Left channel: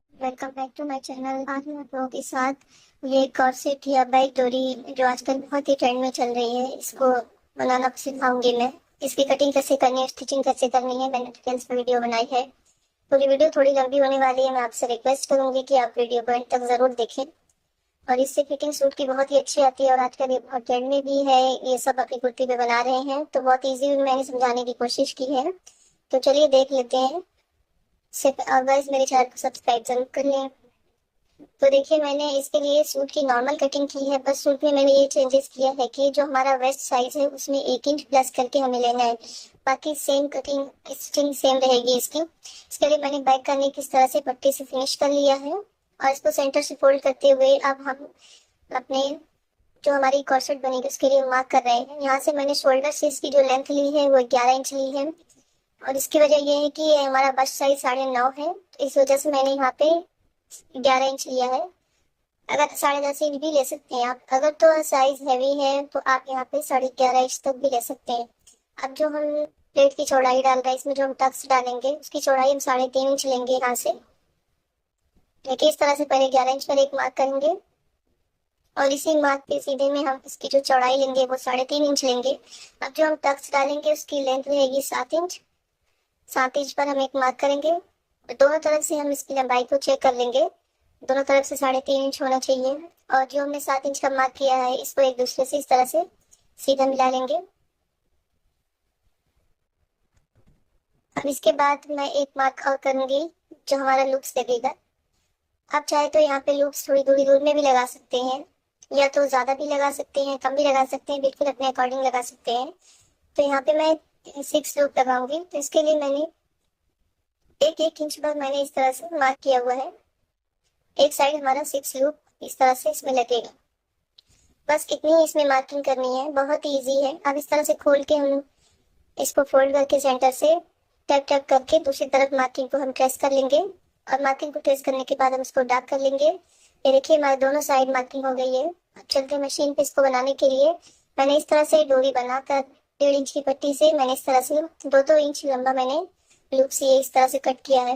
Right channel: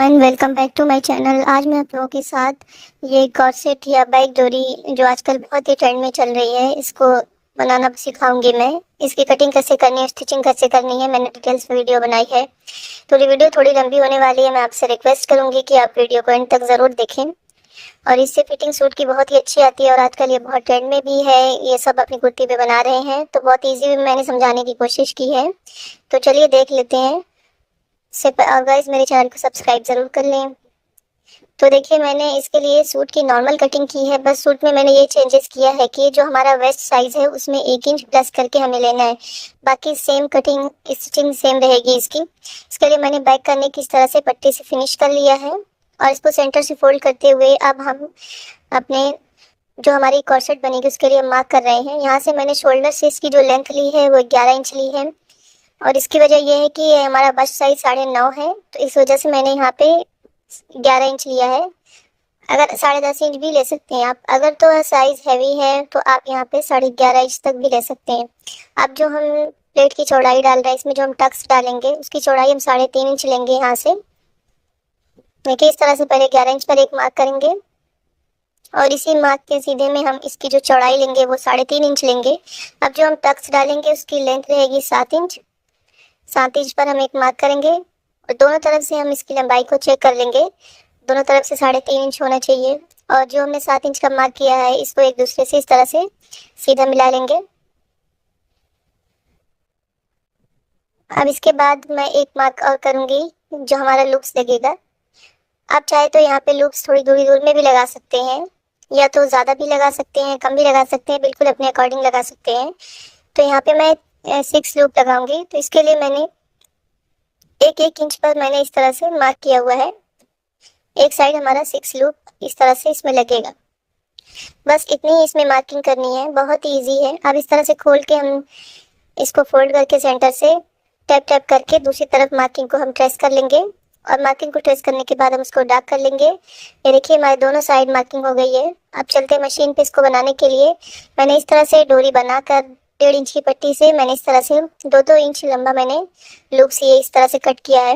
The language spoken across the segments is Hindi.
And welcome back to my channel. आज मैं आप लोगों के साथ ये कॉर्सेट या बैक डोरी जो आजकल बहुत ही ट्रेंड में चल रही है, इसको बनाना सिखाऊंगी मैं। इसकी कटिंग कैसे करनी है, स्टिचिंग कैसे करनी है, मैंने डिटेल्स में वीडियो बनाई है। तो ये वीडियो थोड़ी लंबी होने वाली है। मैं आपसे रिक्वेस्ट करूंगी कि आप वीडियो को एंड तक ज़रूर देखें। और इससे फिटिंग सूट की बहुत ही अच्छी आती है और आजकल ये बहुत ट्रेंड में भी है। ये सब अपनी कुर्ती पे बना रहे हैं, तो बहुत ईजी मैंने समझाने की कोशिश की है। तो चलिए देख लेते हैं। से गाइस मेरे चैनल को सब्सक्राइब जरूर कर लें। तो देखिए, मैंने इसके लिए सूट की नॉर्मल कटिंग की है। बस सूट में मैंने ये चेंजेस किया है कि जो हमारा वेस्ट साइज है उसमें 1 इंच प्लस करके हमें लेना है। बाकी सेम कटिंग स्टिचिंग सेम रहेगी इसकी। इसके लिए मैंने बैक करने की इस तरह से पट्टी से फिनिश कर लिया है और इसको सेंटर से फोल्ड करते हुए अब हम अपने जो हमारी कॉर्सेट बनेगी उसके लिए मार्क कर रहे हैं। यहाँ से मैंने शोल्डर से इसकी जो लेंथ ली है वो 11 इंच ली है। और इसकी वजह यह है कि ये हमारा बस्ट साइज 9.5 है, तो इस वजह से मैंने यहाँ पे 11 इंच लिया है। अगर 10.5 इंच भी ले सकते हैं आप। अगर तो साइज हैवी है तो आप यहाँ पे 11.5 इंच तक भी ले सकते हैं। अब जो हम प्लेट की चौड़ाई डाल रहे हैं, इसमें जो हम टक्स डालेंगे उसकी चौड़ाई हम 3.5 इंच लेंगे यहाँ से। देखिए, इस तरह से पहले 11 इंच पर एक मार्क करेंगे और इसी मार्क के सीधे में हम इसकी जो चौड़ाई लेंगे वो 3.5 इंच लेंगे। अब जो हम टक्स डालेंगे उसकी लेंथ रहेगी 7 इंच। 7 इंच पर हम एक मार्क करेंगे और दोनों तरफ से हम इसकी लंबाई को चेक कर लेंगे। दोनों तरफ से 3.5 इंच होना चाहिए। और जो हमने 7 इंच का मार्क किया है इसको एक दूसरे से इस तरह से सीधा मिला लेंगे। अब इसके बाद मैं एक मार्क और करूंगी जो हमारा लूप्स लगेगा। आप चाहे तो यहाँ पे लूप्स थोड़ी दूरी दूर में भी लगा सकते हैं, या तो ज़्यादा भी लगा सकते हैं, कम भी लगा सकते हैं, बिल्कुल अपने अकॉर्डिंग लगा सकते हैं। तो यहाँ पे मैं 6 लूप लगाऊंगी, तो इसके लिए मैंने एक एक इंच पर मैंने इस तरह से मार्क किया हुआ है। एक साइड हमारा 6 लूप इस तरह से इसमें लगेगा। बस इतनी ही इसमें मार्किंग करनी है, बहुत ही ईजी है। अब इस तरह से खोल के हम इसको फोल्ड करके सेंटर से टैप टैप करके दूसरी तरफ मार्किंग को हम ट्रेस कर लेंगे। और मार्किंग को ट्रेस करने के बाद हम उसको डार्क कर लेंगे। ये देखिए, हमारे दोनों साइड मार्किंग हो गई है। अब चलते हैं मशीन पे। इसको बनाने के लिए मैंने इस तरह से डोरी बनाकर 1.5 इंच की पट्टी से मैंने इस तरह से 2-2 इंच लंबा मैंने लूप से इस तरह से कट किया है।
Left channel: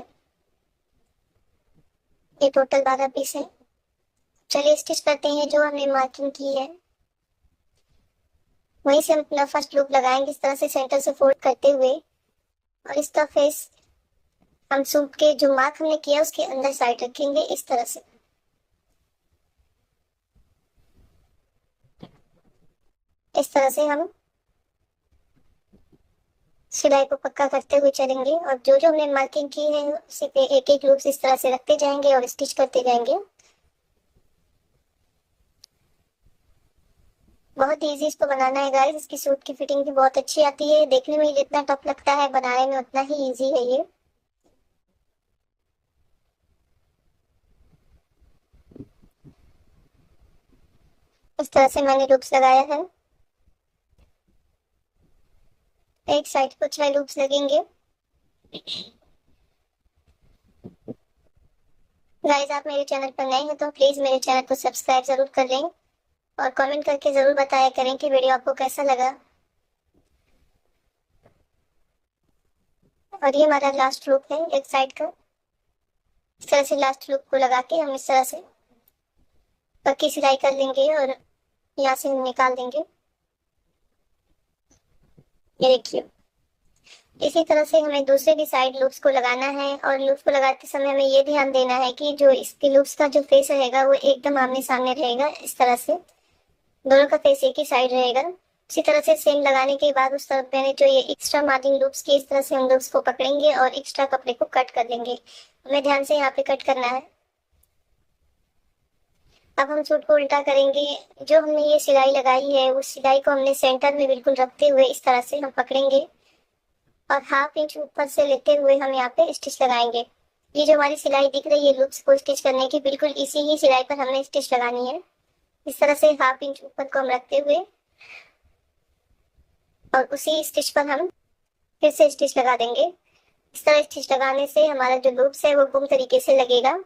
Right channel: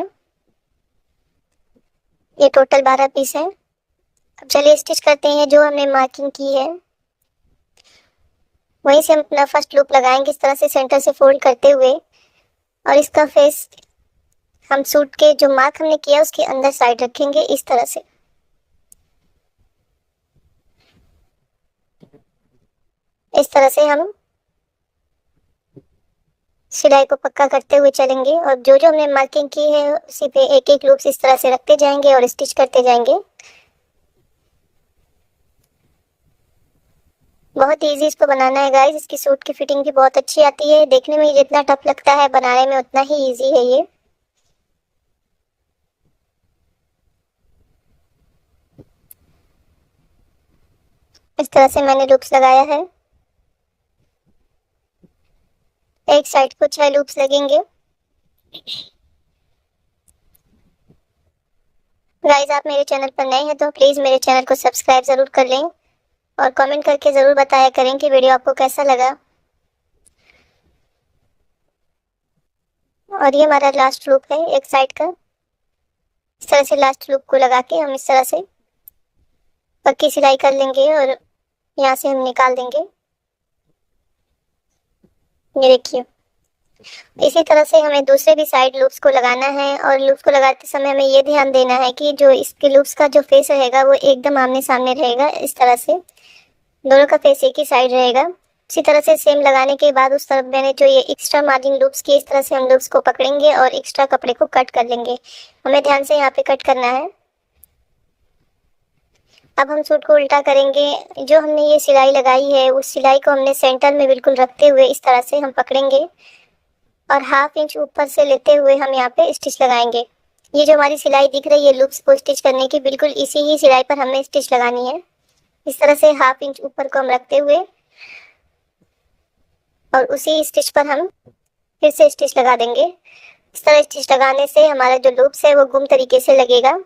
ये टोटल 12 पीस है। अब चलिए स्टिच करते हैं। जो हमने मार्किंग की है वहीं से हम अपना फर्स्ट लूप लगाएंगे इस तरह से सेंटर से फोल्ड करते हुए। और इसका फेस हम सूट के जो मार्क हमने किया उसके अंदर साइड रखेंगे इस तरह से। इस तरह से हम सिलाई को पक्का करते हुए चलेंगे और जो जो हमने मार्किंग की है उसी पे एक एक लूप इस तरह से रखते जाएंगे और स्टिच करते जाएंगे। बहुत इजी इसको बनाना है गाइस। इसकी सूट की फिटिंग भी बहुत अच्छी आती है। देखने में जितना टफ लगता है बनाने में उतना ही इजी है ये। इस तरह से मैंने लूप्स लगाया है। एक साइड को 6 लूप्स लगेंगे। गाइस, आप मेरे चैनल पर नए हैं तो प्लीज मेरे चैनल को सब्सक्राइब जरूर कर लें और कमेंट करके जरूर बताया करें कि वीडियो आपको कैसा लगा। और ये हमारा लास्ट लूप है एक साइड का। इस तरह से लास्ट लूप को लगा के हम इस तरह से पक्की सिलाई कर लेंगे और यहाँ से हम निकाल देंगे। ये देखिए, इसी तरह से हमें दूसरे भी साइड लूप्स को लगाना है। और लूप्स को लगाते समय हमें ये ध्यान देना है कि जो इसके लूप्स का जो फेस रहेगा वो एकदम आमने सामने रहेगा। इस तरह से दोनों का फेस एक ही साइड रहेगा। इसी तरह से सेम लगाने के बाद उस तरफ मैंने जो ये एक्स्ट्रा मार्जिन लूप्स की, इस तरह से हम लूप्स को पकड़ेंगे और एक्स्ट्रा कपड़े को कट कर लेंगे। हमें ध्यान से यहाँ पे कट करना है। अब हम सूट को उल्टा करेंगे। जो हमने ये सिलाई लगाई है उस सिलाई को हमने सेंटर में बिल्कुल रखते हुए इस तरह से हम पकड़ेंगे और 1/2 इंच ऊपर से लेते हुए हम यहाँ पे स्टिच लगाएंगे। ये जो हमारी सिलाई दिख रही है लूप्स को स्टिच करने की, बिल्कुल इसी ही सिलाई पर हमें स्टिच लगानी है। इस तरह से 1/2 इंच ऊपर को हम रखते हुए और उसी स्टिच पर हम फिर से स्टिच लगा देंगे। इस तरह स्टिच लगाने से हमारा जो लूप्स है वो गुम तरीके से लगेगा।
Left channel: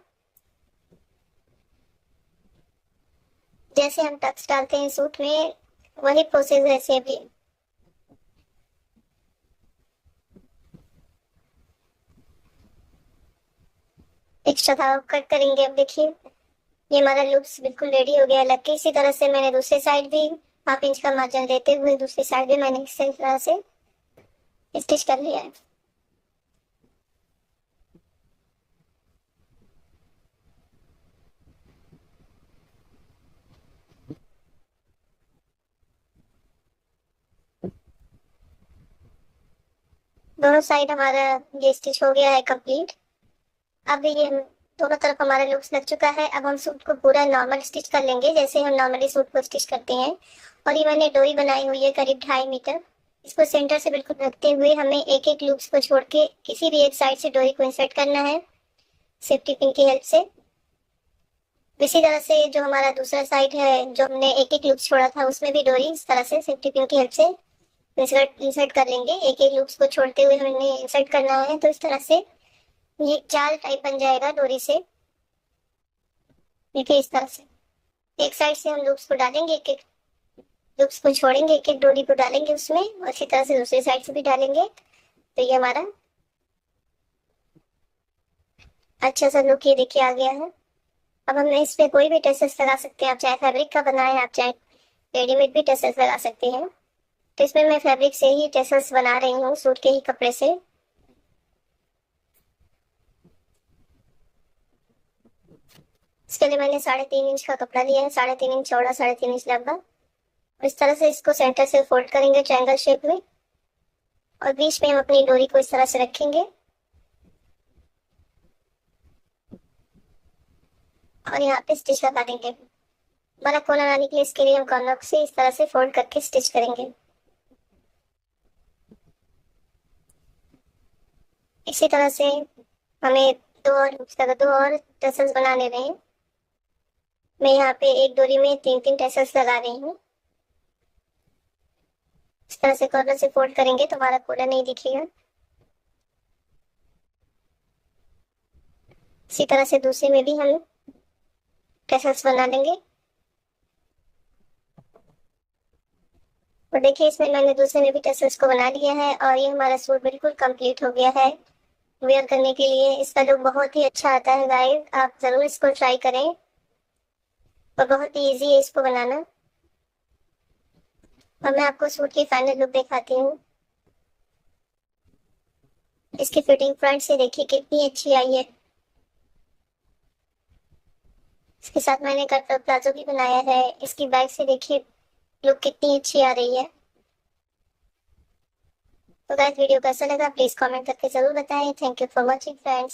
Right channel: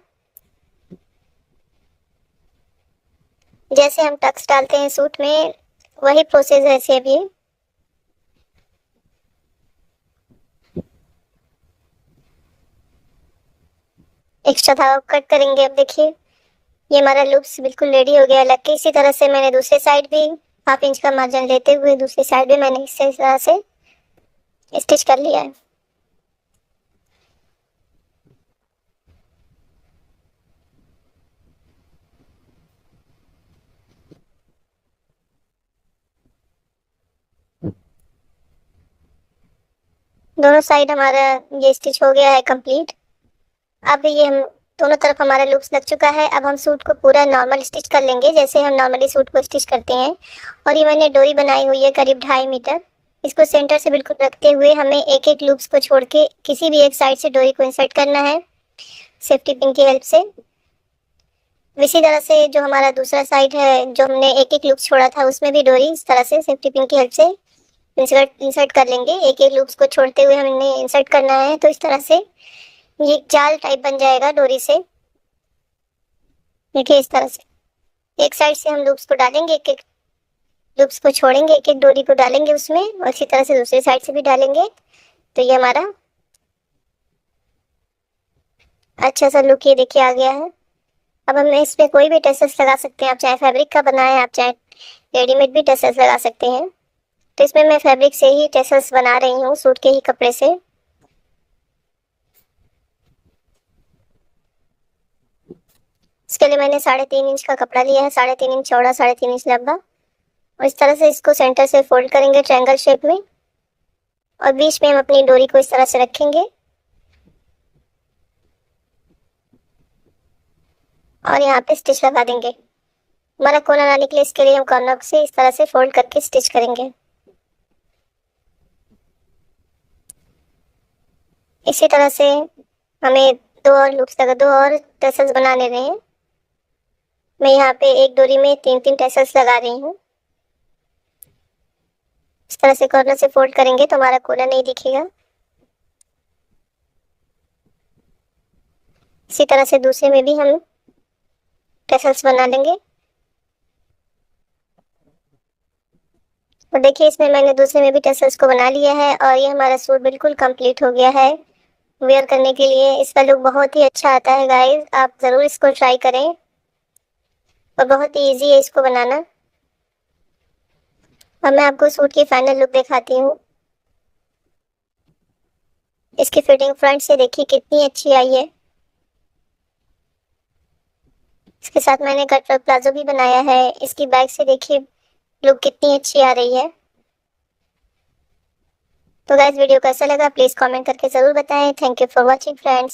जैसे हम टक्स डालते हैं सूट में वही प्रोसेस है सेम ये। एक्स्ट्रा धागा कट करेंगे। अब देखिए ये हमारा लूप्स बिल्कुल रेडी हो गया लग के। इसी तरह से मैंने दूसरे साइड भी 1/2 इंच का मार्जिन लेते हुए दूसरी साइड भी मैंने इसी तरह से स्टिच कर लिया है। दोनों साइड हमारा ये स्टिच हो गया है कंप्लीट। अब ये हम दोनों तरफ हमारा लूप्स लग चुका है। अब हम सूट को पूरा नॉर्मल स्टिच कर लेंगे जैसे हम नॉर्मली सूट को स्टिच करते हैं। और ये मैंने डोरी बनाई हुई है करीब 2.5 मीटर। इसको सेंटर से बिल्कुल रखते हुए हमें एक एक लूप्स को छोड़ के किसी भी एक साइड से डोरी को इंसर्ट करना है सेफ्टी पिन की हेल्प से। इसी तरह से जो हमारा दूसरा साइड है जो हमने एक एक लूप छोड़ा था उसमें भी डोरी इस तरह से सेफ्टी पिन की हेल्प से इंसर्ट कर लेंगे। एक एक लूप्स को छोड़ते हुए हमने इंसर्ट करना है। तो इस तरह से ये एक जाल टाइप बन जाएगा डोरी से। देखिए इस तरह से एक साइड से हम लूप्स को डालेंगे, एक एक लूप्स को छोड़ेंगे, एक एक डोरी को डालेंगे उसमें और इसी तरह से दूसरी साइड से भी डालेंगे। तो ये हमारा अच्छा सा लुक ये देखिए आ गया है। अब हम इसमें कोई भी टसल्स लगा सकते हैं। आप चाहे फैब्रिक का बनाएं, आप चाहे रेडीमेड भी टसल्स लगा सकते हैं। तो इसमें मैं फैब्रिक से ही टसल्स बना रही हूँ सूट के ही कपड़े से। इसके लिए मैंने 3.5 इंच का कपड़ा लिया है, 3.5 इंच चौड़ा, 3.5 इंच लंबा। और इस तरह से इसको सेंटर से फोल्ड करेंगे ट्रायंगल शेप में और बीच में हम अपनी डोरी को इस तरह से रखेंगे और यहाँ पे स्टिच लगा देंगे। हमारा कोना ना निकले इसके लिए हम कॉर्नर से इस तरह से फोल्ड करके स्टिच करेंगे। इसी तरह से हमें दो और टसल्स बनाने रहे हैं। मैं यहाँ पे एक डोरी में 3-3 टसल्स लगा रही हूँ। इस तरह से कॉर्नर से फोल्ड करेंगे तो हमारा कोना नहीं दिखेगा। इसी तरह से दूसरे में भी हम टसल्स बना लेंगे। और देखिए इसमें मैंने दूसरे में भी टसल्स को बना लिया है और ये हमारा सूट बिल्कुल कंप्लीट हो गया है वेयर करने के लिए। इसका लुक बहुत ही अच्छा आता है गाइस, आप ज़रूर इसको ट्राई करें और बहुत ही ईजी है इसको बनाना। अब मैं आपको सूट की फाइनल लुक दिखाती हूँ। इसकी फिटिंग फ्रंट से देखिए कितनी अच्छी आई है। इसके साथ मैंने कट प्लाजो भी बनाया है। इसकी बैक से देखिए लुक कितनी अच्छी आ रही है। तो गाइस वीडियो कैसा लगा प्लीज़ कमेंट करके ज़रूर बताएं। Thank you for watching friends.